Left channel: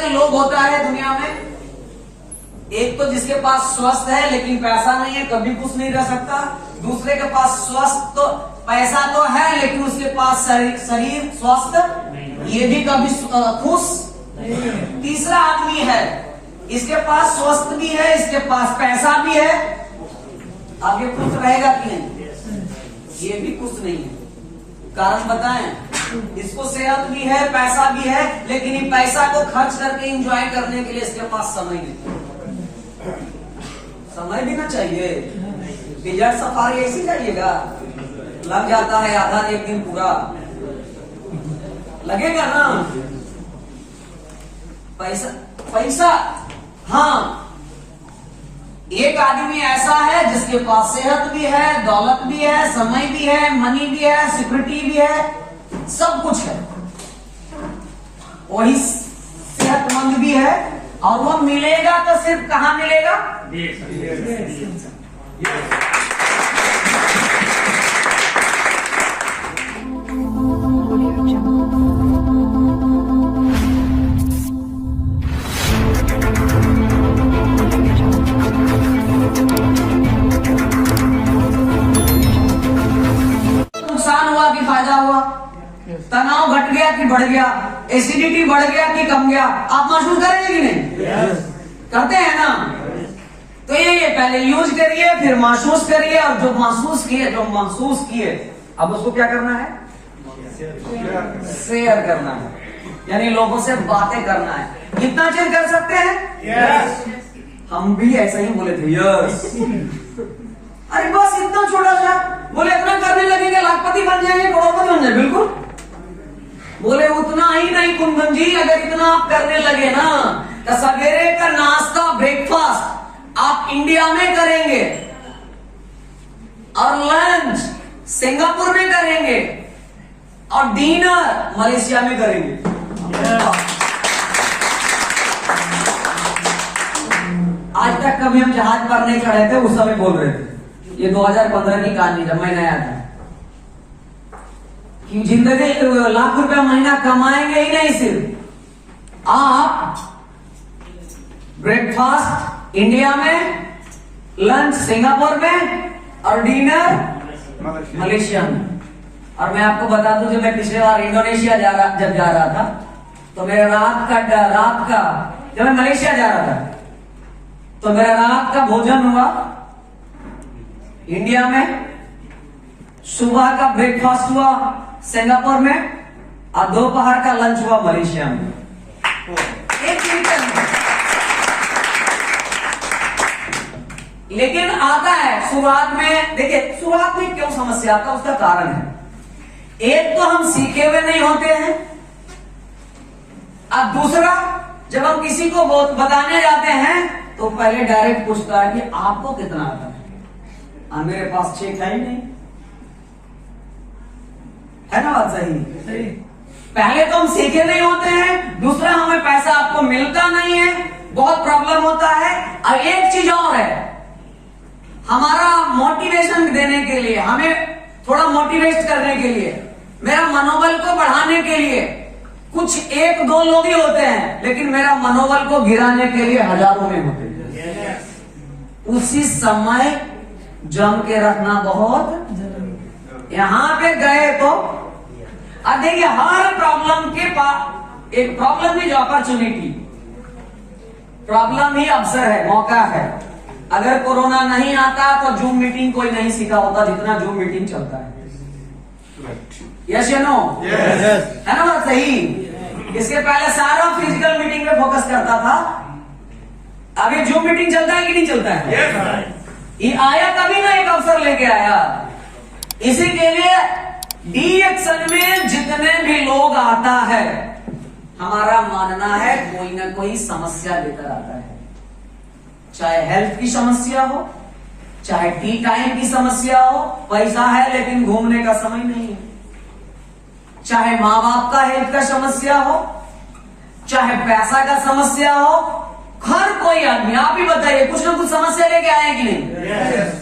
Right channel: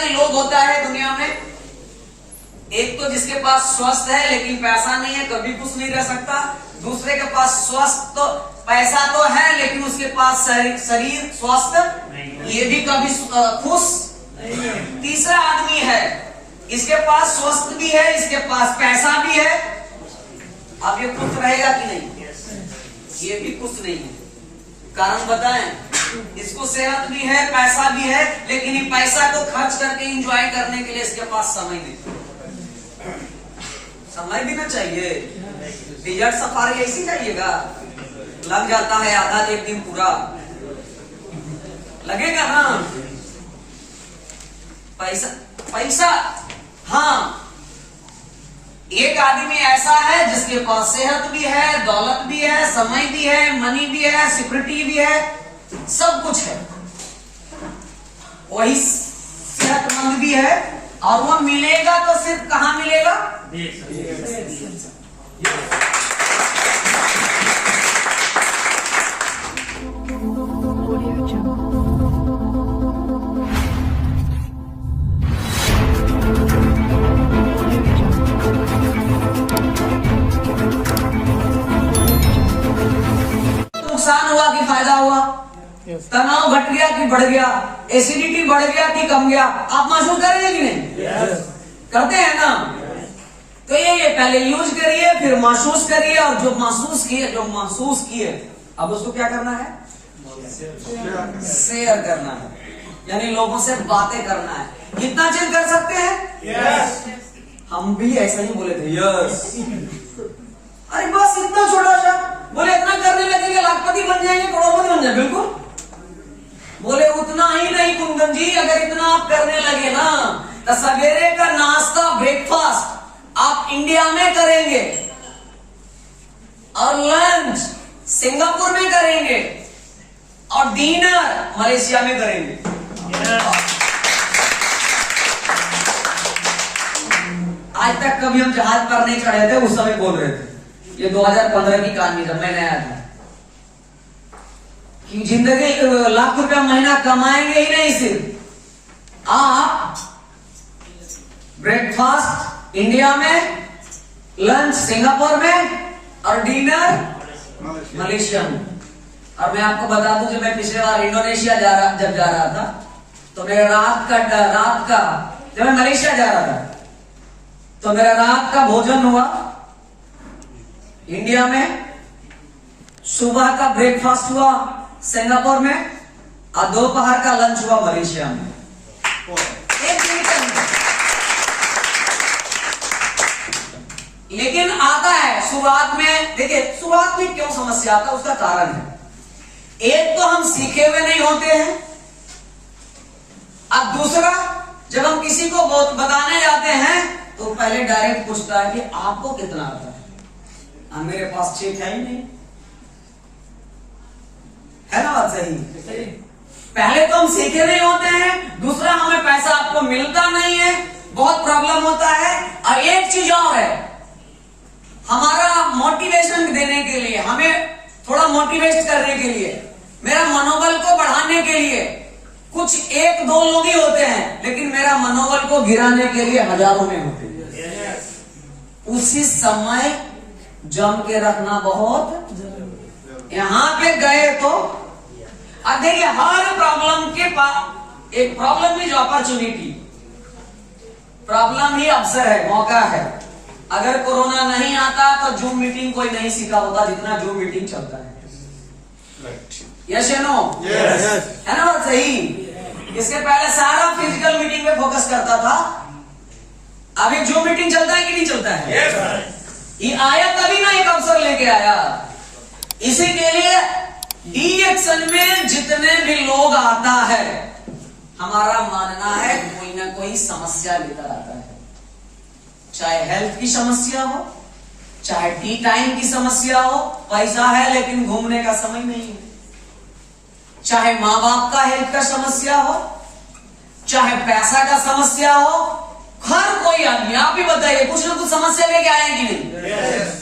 के लोग होता है दुनिया में, एक तो जिसके पास स्वस्थ है लेकिन पैसा नहीं है, कभी खुश नहीं रह सकता। दूसरे के पास स्वस्थ तो पैसा तो है लेकिन उसके पास शरीर स्वस्थ, ये भी कभी खुश। तीसरा आदमी है, इसके पास स्वस्थ भी है, इसके पास पैसा भी है, अब ये खुश रहेगा कि नहीं? ये भी खुश नहीं है। कारण बताएं, इसको सेहत भी है, पैसा भी है, लेकिन ये पैसा को खर्च करके एंजॉय करने के लिए इसके पास समय नहीं। समय भी ना चाहिए। डिजर्ट सफारी ऐसी चाहिएगा, लग जाता है आधा एक दिन पूरा, लगेगा ना। पैसा हाँ, एक आदमी ऐसा है जिसके पास सेहत भी है, दौलत भी है, समय भी है, मनी भी है, सिक्योरिटी भी है, सब कुछ है, वही सेहतमंद भी है, और वो मिलेगा तो सिर्फ कहां मिलेगा? नुकसान हुआ कि फायदा हुआ? तनाव घट गया कि बढ़ गया? एसिडिटी बढ़ गया कि कम गया? आप महसूस करेंगे कि नहीं? करते हैं ना? तो ये पहले यूज करिए, फिर महसूस करिए, और जो महसूस किए अब उसको क्या करना है? शेयर करना है, यानी लोगों से बातें करना है। कितना चेंज कर सकते हैं? यस। हम भी ऐसा ही बोले थे, यस। अरे बस इतना छोटा सा, बोले इतना करने लगेंगे लाखपति बन जाएंगे, करोड़पति बन जाएंगे। बिल्कुल, बोले उतना ही नहीं कुंदन जी, अगर इतना आप करने लगे ना तो सवेरे का नाश्ता, ब्रेकफास्ट आप इंडिया में करेंगे, और लंच सिंगापुर में करेंगे, और डिनर मलेशिया में करेंगे। आज तक कभी हम जहाज पर नहीं चढ़े थे, उस समय बोल रहे थे, ये 2015 की कहानी जब मैं नया था, कि जिंदगी लाख रुपया महीना कमाएंगे ही नहीं, सिर्फ आप ब्रेकफास्ट इंडिया में, लंच सिंगापुर में, और डिनर मलेशिया में। और मैं आपको बता दूं, जब मैं पिछले बार इंडोनेशिया जब जा रहा था, तो मेरा रात का जब मैं मलेशिया जा रहा था, तो मेरा रात का भोजन हुआ इंडिया में, सुबह का ब्रेकफास्ट हुआ सिंगापुर में, और दोपहर का लंच हुआ मलेशिया में। एक दिन के अंदर। लेकिन आता है शुरुआत में, देखिए शुरुआत में क्यों समस्या आता है, उसका कारण है। एक तो हम सीखे हुए नहीं होते हैं, अब दूसरा जब हम किसी को बताने जाते हैं तो पहले डायरेक्ट पूछता है कि आपको कितना आता है, और मेरे पास चेक है ही नहीं, है ना बात सही? पहले तो हम सीखे नहीं होते हैं, दूसरा हमें पैसा आपको मिलता नहीं है, बहुत प्रॉब्लम होता है। और एक चीज और है, हमारा मोटिवेशन देने के लिए, हमें थोड़ा मोटिवेट करने के लिए, मेरा मनोबल को बढ़ाने के लिए कुछ एक दो लोग ही होते हैं, लेकिन मेरा मनोबल को गिराने के लिए हजारों में होते हैं। उसी समय जम के रखना बहुत जरूरी। यहां पे गए तो अब देखिए, हर प्रॉब्लम के पास एक प्रॉब्लम है, जो अपॉर्चुनिटी, प्रॉब्लम ही अवसर है, मौका है। अगर कोरोना नहीं आता तो जूम मीटिंग कोई नहीं सीखा होता जितना जूम मीटिंग चलता है। यस या नो? है ना बात सही? इसके पहले सारा फिजिकल मीटिंग में फोकस करता था, अभी जूम मीटिंग चलता है कि नहीं चलता है? ये आया तभी ना, एक अवसर लेके आया। इसी के लिए डीएक्शन में जितने भी लोग आता है, हमारा मानना है कोई ना कोई समस्या लेकर आता है, चाहे हेल्थ की समस्या हो, चाहे टी टाइम की समस्या हो, पैसा है लेकिन घूमने का समय नहीं है, चाहे माँ बाप का हेल्थ का समस्या हो, चाहे पैसा का समस्या हो, हर कोई आदमी, आप ही बताइए, कुछ ना कुछ समस्या लेके आए कि नहीं?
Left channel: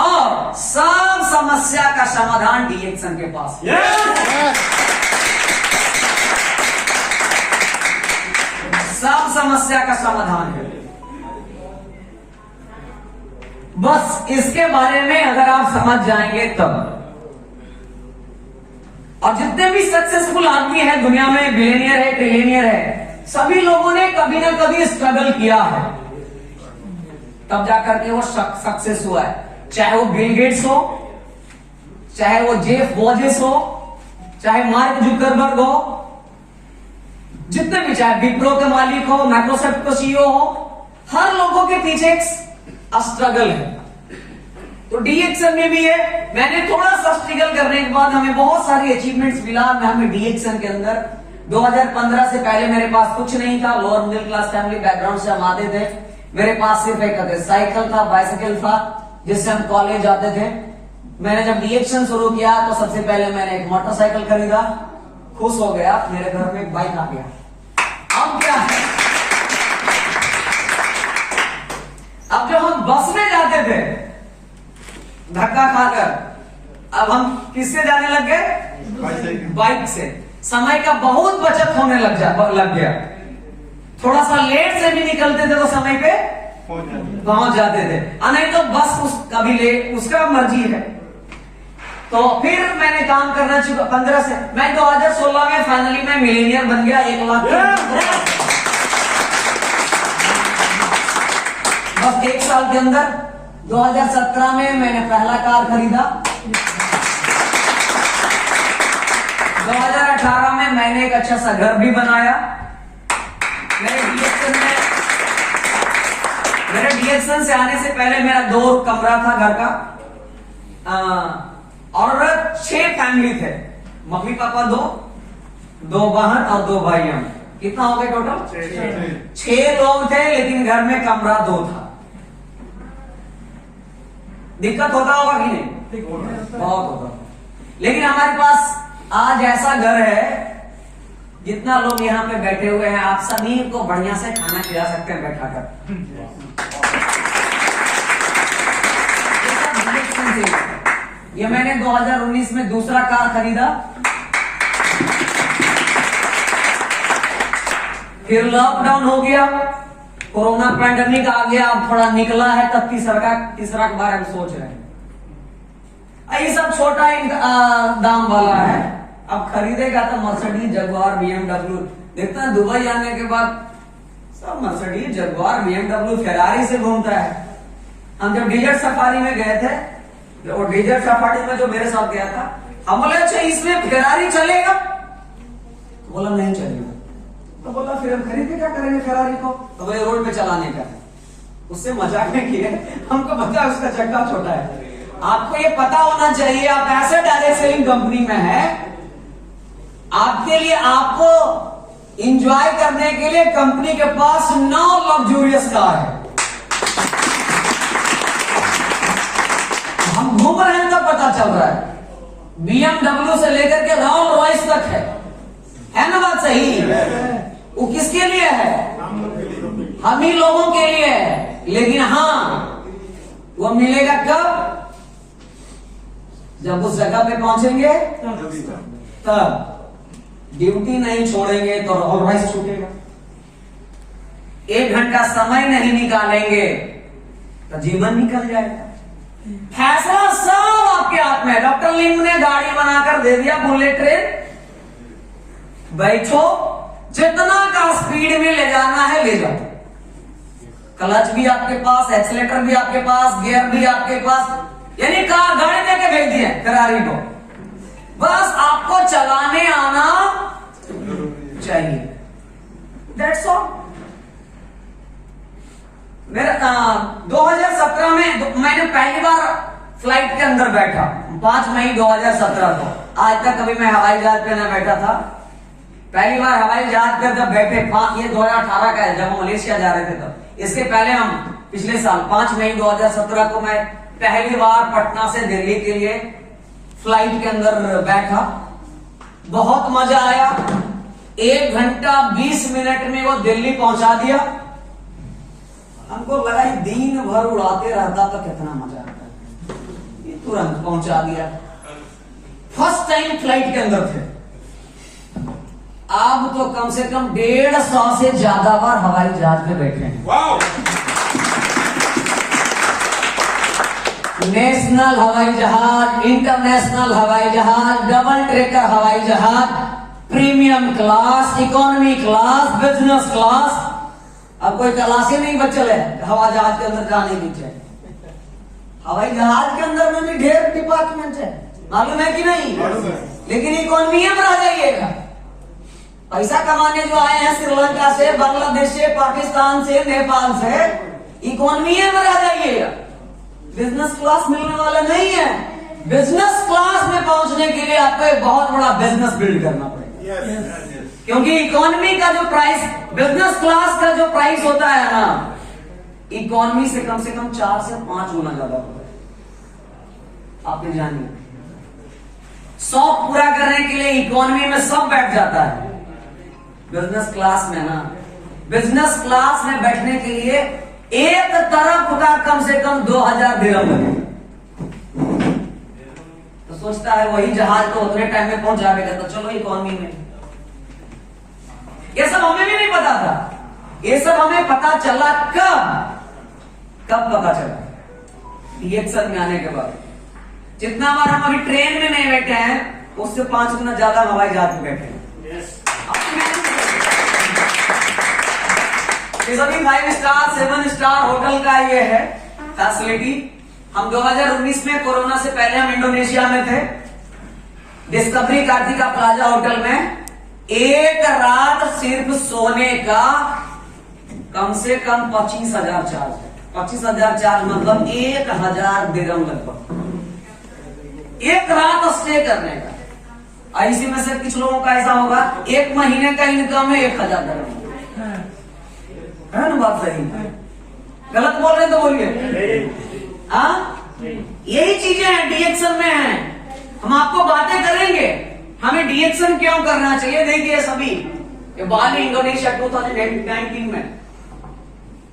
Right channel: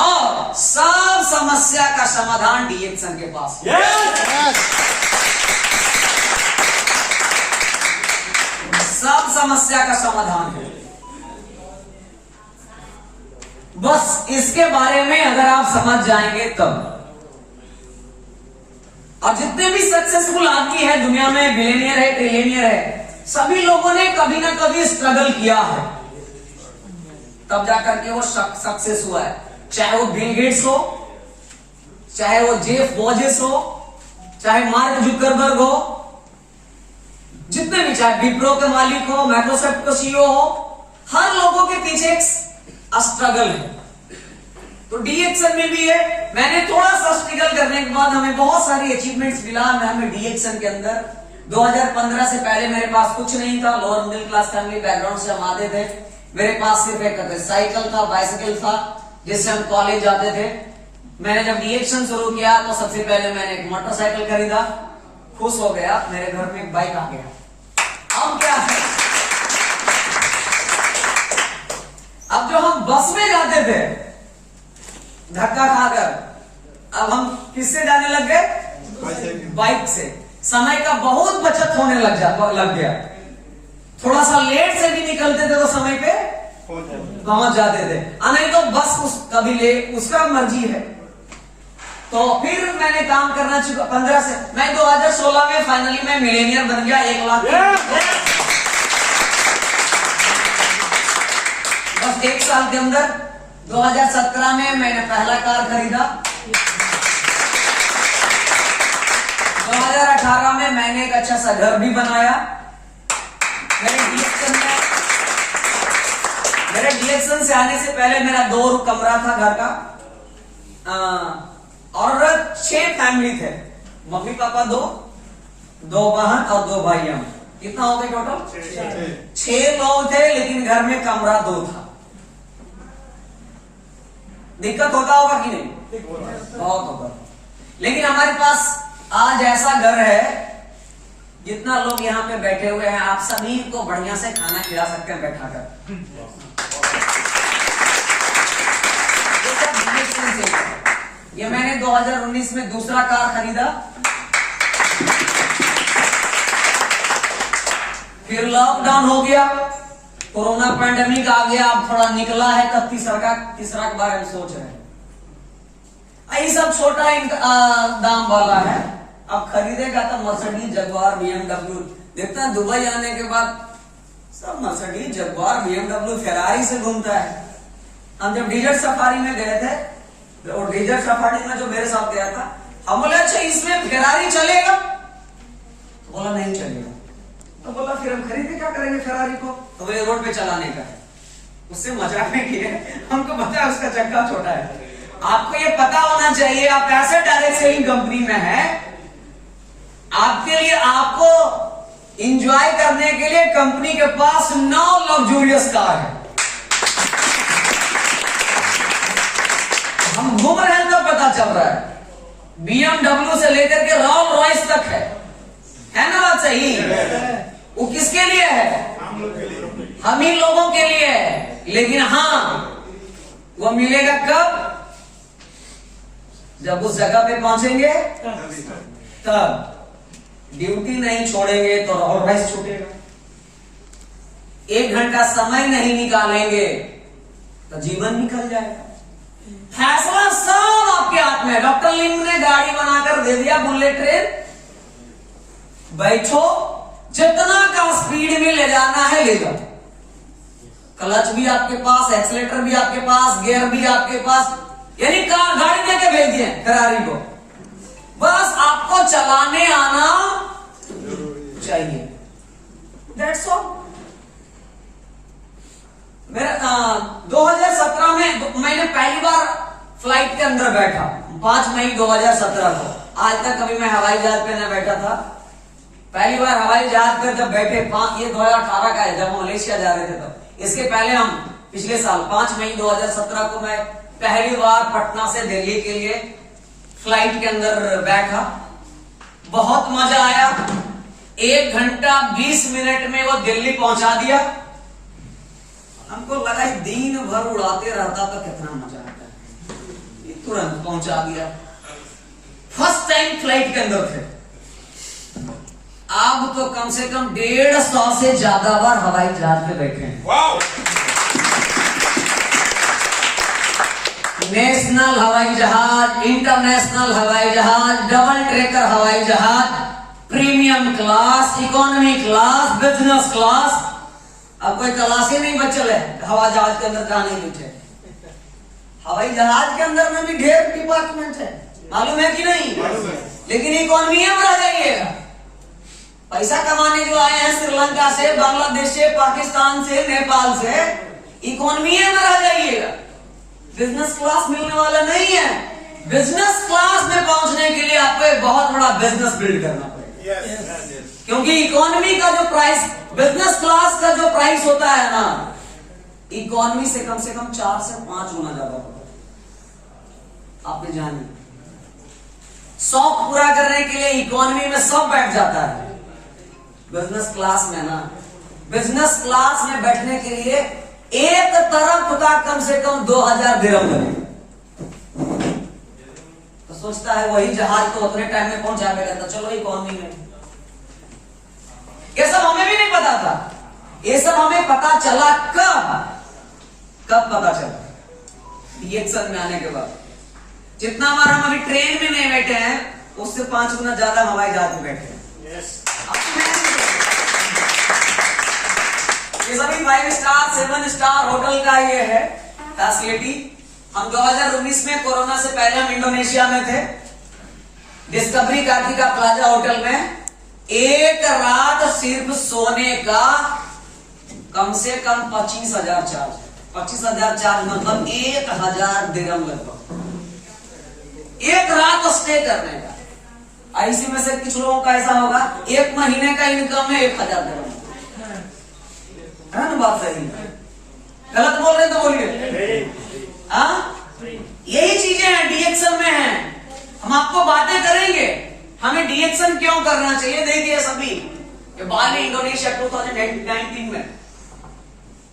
और सब समस्या का समाधान डीएक्शन के पास। समस्या का समाधान है। बस इसके बारे में अगर आप समझ जाएंगे तब। और जितने भी सक्सेसफुल आदमी है दुनिया में, बिलियनियर है, ट्रिलियनियर है, सभी लोगों ने कभी ना कभी स्ट्रगल किया है, तब जाकर के वो सक्सेस हुआ है। चाहे वो बिल गेट्स हो, चाहे वो जेफ बेजोस हो, चाहे मार्क जुकरबर्ग हो, जितने भी, चाहे विप्रो के मालिक हो, माइक्रोसॉफ्ट का सीईओ हो, हर लोगों के पीछे एक स्ट्रगल है। तो डीएक्सन में भी है। मैंने थोड़ा सा स्ट्रगल करने के बाद हमें बहुत सारी अचीवमेंट्स मिला। हमें डीएक्सन के अंदर 2015 से पहले मेरे पास कुछ नहीं था। Lower middle class family background से हम आते थे। मेरे पास सिर्फ एक साइकिल था, बाइसिकल था, जिससे हम कॉलेज जाते थे। मैंने जब डीएक्सन शुरू किया तो सबसे पहले मैंने एक मोटरसाइकिल खरीदा, खुश हो गया, मेरे घर में एक बाइक आ गया। अब क्या है, अब जो हम बस में जाते थे धक्का खाकर, अब हम किससे जाने लग गए? बाइक से। समय का बहुत बचत होने लग गया। थोड़ा सा लेट से भी निकलते थे तो समय पे पहुंच जाते थे, नहीं तो बस कभी लेट, उसका मर्जी है। तो फिर मैंने काम करना शुरू 15 से, मैं 2016 में फाइनली मैं मिलेनियर बन गया। 1 लाख बस 1 साल के अंदर। 2017 में मैंने पहला कार खरीदा। 2018 में मैंने एक अच्छा सा घर भी बनाया। मेरे डीएक्सन से आने से पहले मेरा 2 कमरा था घर का, और 6 फैमिली थे, मम्मी पापा 2 बहन और 2 भाई। हम कितना हो गए टोटल? 6 लोग थे, लेकिन घर में कमरा 2 था। दिक्कत होता होगा कि नहीं? बहुत होता। लेकिन हमारे पास आज ऐसा घर है, जितना लोग यहाँ पे बैठे हुए हैं, आप सभी को बढ़िया से खाना खिला सकते हैं बैठा कर। ये मैंने 2019 में दूसरा कार खरीदा। फिर लॉकडाउन हो गया, कोरोना पैंडेमिक आ गया, अब थोड़ा निकला है, तब तीसरा के बारे में सोच रहे हैं। ये सब छोटा दाम वाला है। अब खरीदेगा तो मर्सिडीज, जगुआर, बीएमडब्ल्यू। देखता है दुबई आने के बाद सब मर्सिडीज, जगुआर, बीएमडब्ल्यू, फेरारी से घूमता है। हम जब डेजर्ट सफारी में गए थे, और डेजर्ट सफारी में जो मेरे साथ गया था, हम बोले अच्छा इसमें फेरारी चलेगा? तो बोला नहीं चलेगा। तो बोला फिर हम खरीदे क्या करेंगे फेरारी को? तो बोले रोड पे चलाने का। उससे मजाक में किए, हमको पता उसका चक्का छोटा है। आपको ये पता होना चाहिए, आप ऐसे डायरेक्ट सेलिंग कंपनी में है, आपके लिए, आपको एंजॉय करने के लिए कंपनी के पास 9 लग्जूरियस कार है। हम घूम रहे हैं तो पता चल रहा है, बीएमडब्ल्यू से लेकर के रोल्स रॉयस तक है ना बात सही? वो किसके लिए है? हम ही लोगों के लिए है। लेकिन हाँ, वो मिलेगा कब? जब उस जगह पे पहुंचेंगे तब। ड्यूटी नहीं छोड़ेंगे तो रोल्स रॉयस छूटेगा। 1 घंटा समय नहीं निकालेंगे तो जीवन निकल जाएगा। फैसला सब आपके हाथ में है। डॉक्टर लिम ने गाड़ी बनाकर दे दिया, बुलेट ट्रेन, बैठो, जितना का स्पीड में ले जाना है ले जाओ। क्लच भी आपके पास, एक्सीलेटर भी आपके पास, गियर भी आपके पास, यानी कार गाड़ी देके भेज दिए फेरारी को। बस आपको चलाने आना चाहिए, दैट्स ऑल। मेरा 2017 में मैंने पहली बार फ्लाइट के अंदर बैठा, 5 मई 2017 को। आज तक कभी मैं हवाई जहाज पे न बैठा था। पहली बार हवाई जहाज पे जब बैठे, ये 2018 का है, जब हम मलेशिया जा रहे थे तब। इसके पहले हम पिछले साल 5 मई 2017 को मैं पहली बार पटना से दिल्ली के लिए फ्लाइट के अंदर बैठा। बहुत मजा आया। 1 घंटा 20 मिनट में वो दिल्ली पहुंचा दिया। हमको लगा दिन भर उड़ाते रहता तो कितना मजा आता, ये तुरंत पहुंचा दिया। फर्स्ट टाइम फ्लाइट के अंदर थे। अब तो कम से कम 150 से ज्यादा बार हवाई जहाज में बैठे हैं। नेशनल हवाई जहाज, इंटरनेशनल हवाई जहाज, डबल ट्रेकर हवाई जहाज, premium class, economy class, business class. अब कोई क्लास ही नहीं बचल है हवाई जहाज के अंदर जाने की। हवाई जहाज के अंदर में भी ढेर डिपार्टमेंट है, मालूम है कि नहीं? लेकिन इकोनॉमी में रह जाइएगा। पैसा कमाने जो आए हैं श्रीलंका से, बांग्लादेश से, पाकिस्तान से, नेपाल से, इकोनॉमी में रह जाइएगा। बिजनेस क्लास मिलने वाला नहीं है। बिजनेस क्लास में पहुंचने के लिए आपको एक बहुत बड़ा बिजनेस बिल्ड करना पड़ेगा। क्योंकि इकोनॉमी का जो प्राइस, बिजनेस क्लास का जो प्राइस होता है ना, इकोनॉमी से कम 4 से 5 गुना ज्यादा होता है। आप ये जानिए, शौक पूरा करने के लिए इकोनॉमी में सब बैठ जाता है। बिजनेस क्लास में ना, बिजनेस क्लास में बैठने के लिए एक तरफ का कम से कम 2000 दिरहम लगे। तो सोचता है वही जहाज तो उतने टाइम में पहुंच जाएगा, तो चलो इकोनॉमी में। ये सब हमें भी नहीं पता था। ये सब हमें पता चला कब पता चला? DXL में आने के बाद। जितना बार हम अभी ट्रेन में नहीं बैठे हैं, उससे 5 गुना ज्यादा हवाई जहाज में बैठे हैं। ये सभी 5 स्टार 7 स्टार होटल का ये है फैसिलिटी। हम 2019 में कोरोना से पहले हम इंडोनेशिया में थे, डिस्कवरी कार्तिका प्लाजा होटल में। एक रात सिर्फ सोने का कम से कम 25,000 चार्ज है। 25,000 चार्ज मतलब 1,000 दिरहम लगभग एक रात स्टे करने का। इसी में से कुछ लोगों का ऐसा होगा, एक महीने का इनकम है 1,000 दिरहम, है ना? बात सही, गलत बोल रहे तो बोलिए। यही चीजें हैं DXL में हैं। हम आपको बातें करेंगे हमें DXL क्यों करना चाहिए। देखिए सभी, ये बाली इंडोनेशिया 2019 में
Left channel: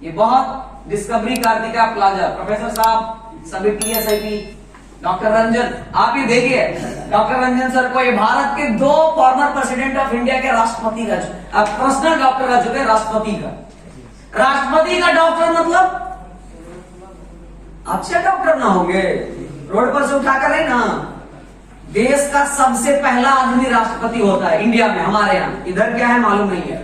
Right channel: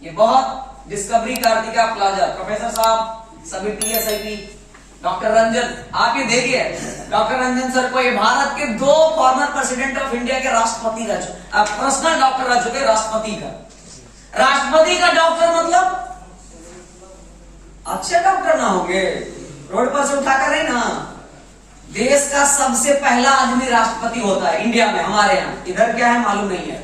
ये बहुत डिस्कवरी कार्तिका प्लाजा, प्रोफेसर साहब सभी TSIP, डॉक्टर रंजन, आप ये देखिए डॉक्टर रंजन सर को, ये भारत के 2 फॉर्मर प्रेसिडेंट ऑफ इंडिया के राष्ट्रपति का पर्सनल डॉक्टर रह चुके, राष्ट्रपति का डॉक्टर मतलब अच्छे डॉक्टर ना होंगे, रोड पर से उठाकर नहीं ना। देश का सबसे पहला आदमी राष्ट्रपति होता है इंडिया में, हमारे यहाँ। इधर क्या है मालूम नहीं है।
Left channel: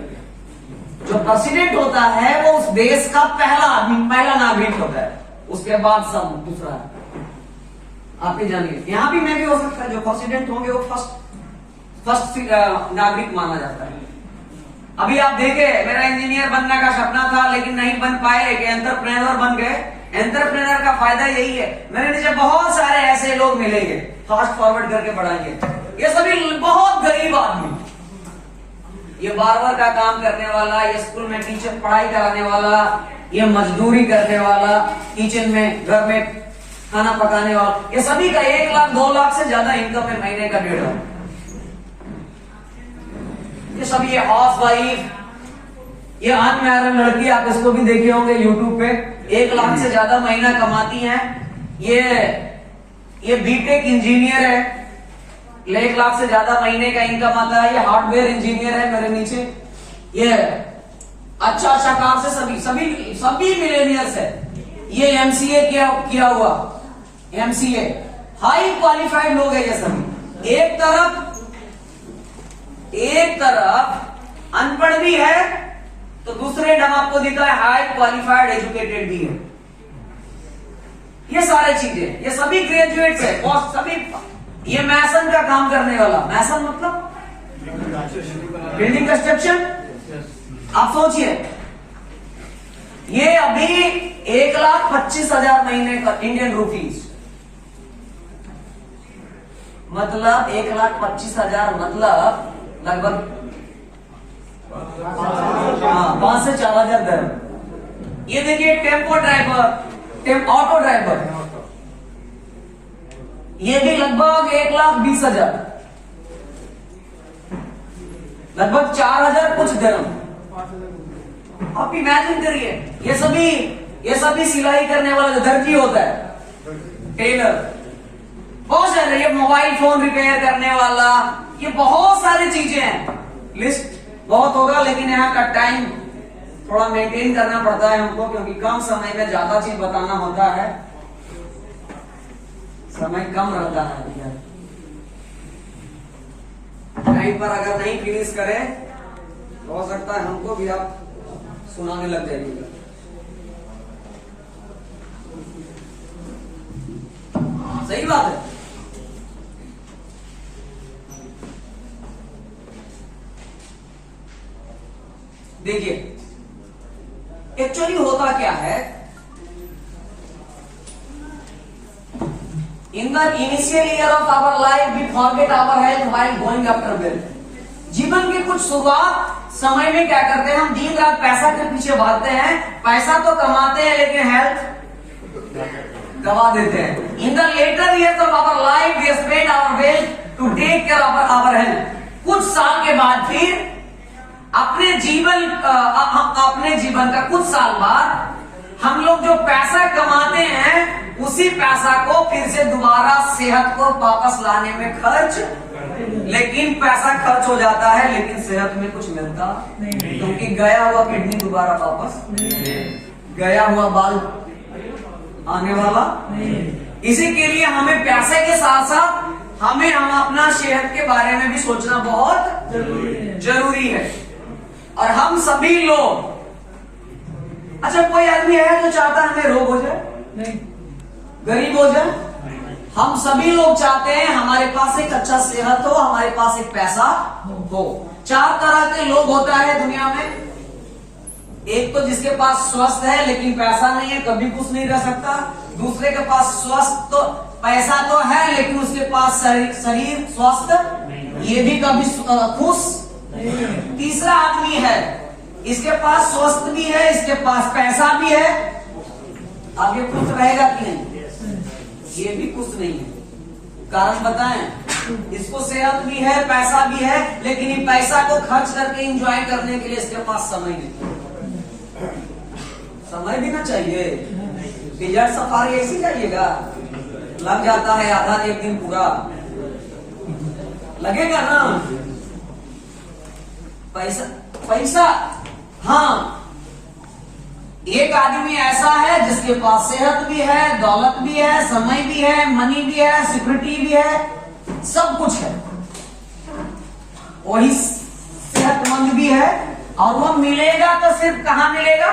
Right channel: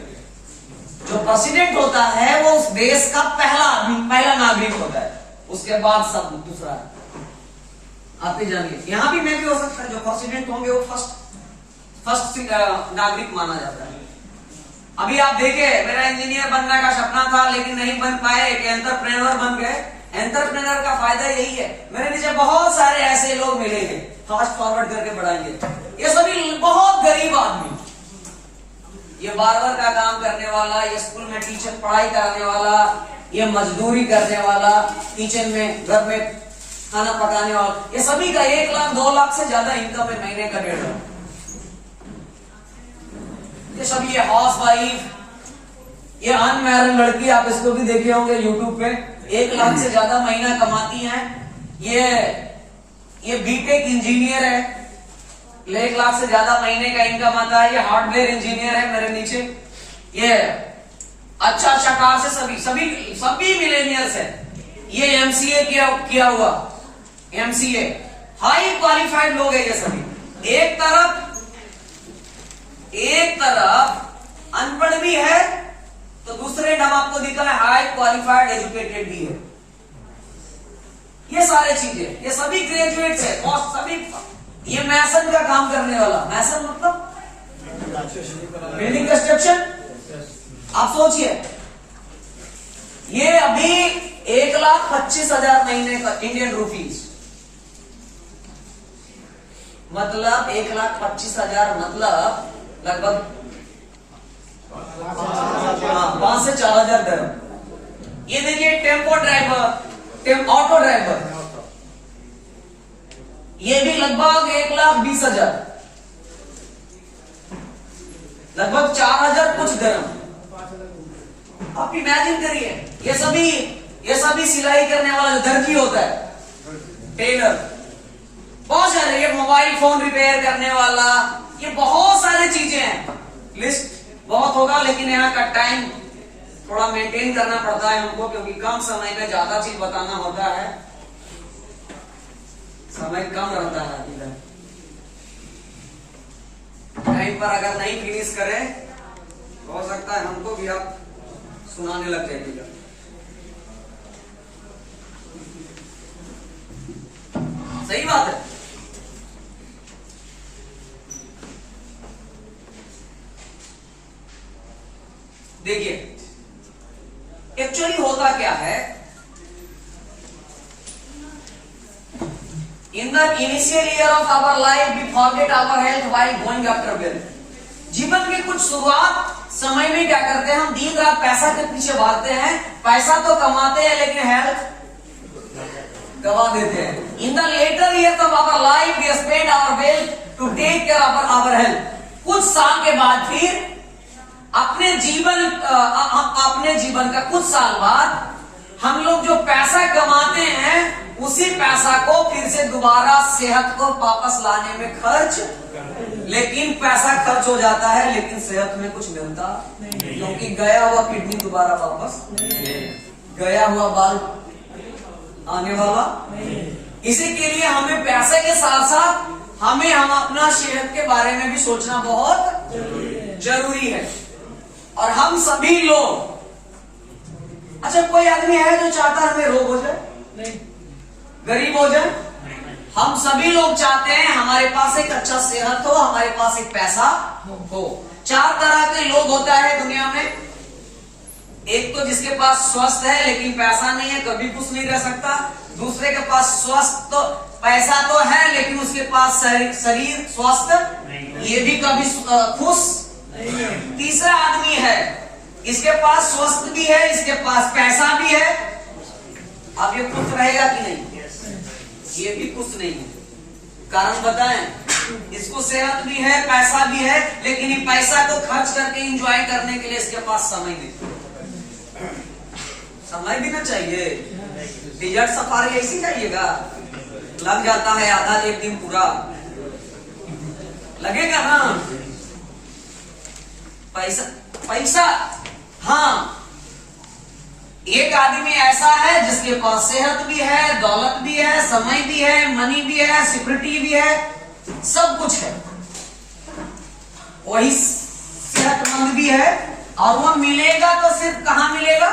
जो प्रेसिडेंट होता है वो उस देश का पहला आदमी, पहला नागरिक होता है, उसके बाद सब दूसरा है। आप ही जानिए, यहां भी मैं भी हो सकता है, जो प्रेसिडेंट होंगे वो फर्स्ट नागरिक माना जाता है। अभी आप देखे, मेरा इंजीनियर बनने का सपना था लेकिन नहीं बन पाए, कि एंटरप्रेन्योर बन गए। एंटरप्रेन्योर का फायदा यही है, मेरे नीचे बहुत सारे ऐसे लोग मिलेंगे, फास्ट फॉरवर्ड करके बढ़ाएंगे। ये सभी बहुत गरीब आदमी, ये बार्बर का काम करने वाला, ये स्कूल में टीचर पढ़ाई कराने वाला, ये मजदूरी करने वाला, किचन में घर में खाना पकाने वाला, ये सभी का 1 लाख 2 लाख से ज्यादा इनकम है महीने का 1.5 लाख। ये सभी ये हाउस वाइफ, ये अनमैरिड लड़की, आप इसको भी देखे होंगे यूट्यूब पे, 1 लाख से ज्यादा महीना कमाती हैं। ये बीटेक इंजीनियर है, 1 लाख से ज्यादा महीने का इनकम आता है। ये हार्डवेयर इंजीनियर है मेरे नीचे। ये अच्छा कार से सभी मिलेनियर्स है। ये MCA किया हुआ, MCA हाई क्वालिफाइड लोग है ये सभी। एक तरफ अनपढ़ भी है, तो दूसरे हम आपको दिखा है हाई क्वालिफाइड एजुकेटेड भी है। ये सारे चीजें, ये सभी ग्रेजुएट्स है, और सभी ये मैसन का काम करने वाला, मैसन मतलब बिल्डिंग कंस्ट्रक्शन। आप सोचिए, ये अभी 1,25,000 महीने का इंडियन रुपीज, मतलब 1,25,000 मतलब लगभग 5 से 4,000 दिरहम। ये देखिए टेम्पो ड्राइवर, ऑटो ड्राइवर, ये भी लगभग 1,20,000, लगभग 4,000 कुछ दिरहम। आप इमेजिन करिए, ये सभी सिलाई करने वाला जो दर्जी होता है, टेलर, बहुत सारे, ये मोबाइल फोन रिपेयर करने वाला, ये बहुत सारी चीजें हैं। लिस्ट बहुत होगा, लेकिन यहाँ का टाइम थोड़ा मेंटेन करना पड़ता है हमको, क्योंकि कम समय में ज्यादा चीज बताना होता है, समय कम रहता है इधर। टाइम पर अगर नहीं फिनिश करे हो सकता है हमको भी आप सुनाने लग जाइएगा। सही बात है। देखिए एक्चुअली होता क्या है, in the initial year of our life we forget our health while going after wealth. जीवन की कुछ शुरुआत समय में क्या करते हैं, हम दिन रात पैसा के पीछे भागते हैं, पैसा तो कमाते हैं लेकिन हेल्थ गवा देते हैं। In the later years of our life we spend our wealth to take care of our health. कुछ साल के बाद फिर अपने जीवन का कुछ साल बाद हम लोग जो पैसा कमाते हैं उसी पैसा को फिर से दोबारा सेहत को वापस लाने में खर्च, लेकिन पैसा खर्च हो जाता है लेकिन सेहत में कुछ मिलता नहीं, क्योंकि गया हुआ किडनी दोबारा वापस, गया हुआ बाल आने वाला नहीं। इसी के लिए हमें पैसे के साथ साथ हम अपना सेहत के बारे में भी सोचना बहुत जरूरी है। और हम सभी लोग, अच्छा कोई आदमी है जो चाहता है हमें रोग हो जाए, नहीं, गरीब हो जाए? हम सभी लोग चाहते हैं हमारे पास एक अच्छा सेहत हो, हमारे पास एक पैसा हो। चार तरह के लोग होता है दुनिया में। एक तो जिसके पास स्वस्थ है लेकिन पैसा नहीं है, कभी खुश नहीं रह सकता। दूसरे के पास स्वस्थ तो पैसा तो है लेकिन उसके पास शरीर स्वस्थ, ये भी कभी खुश। तीसरा आदमी है, इसके पास स्वस्थ भी है, इसके पास पैसा भी है, अब ये खुश रहेगा कि नहीं? ये भी खुश नहीं है। कारण बताएं, इसको सेहत भी है, पैसा भी है, लेकिन ये पैसा को खर्च करके एंजॉय करने के लिए इसके पास समय नहीं। समय भी ना चाहिए। डिजर्ट सफारी ऐसी चाहिएगा, लग जाता है आधा एक दिन पूरा, लगेगा ना पैसा। हाँ, एक आदमी ऐसा है जिसके पास सेहत भी है, दौलत भी है, समय भी है, मनी भी है, सिक्योरिटी भी है, सब कुछ है, वही सेहतमंद भी है। और वो मिलेगा तो सिर्फ कहाँ मिलेगा?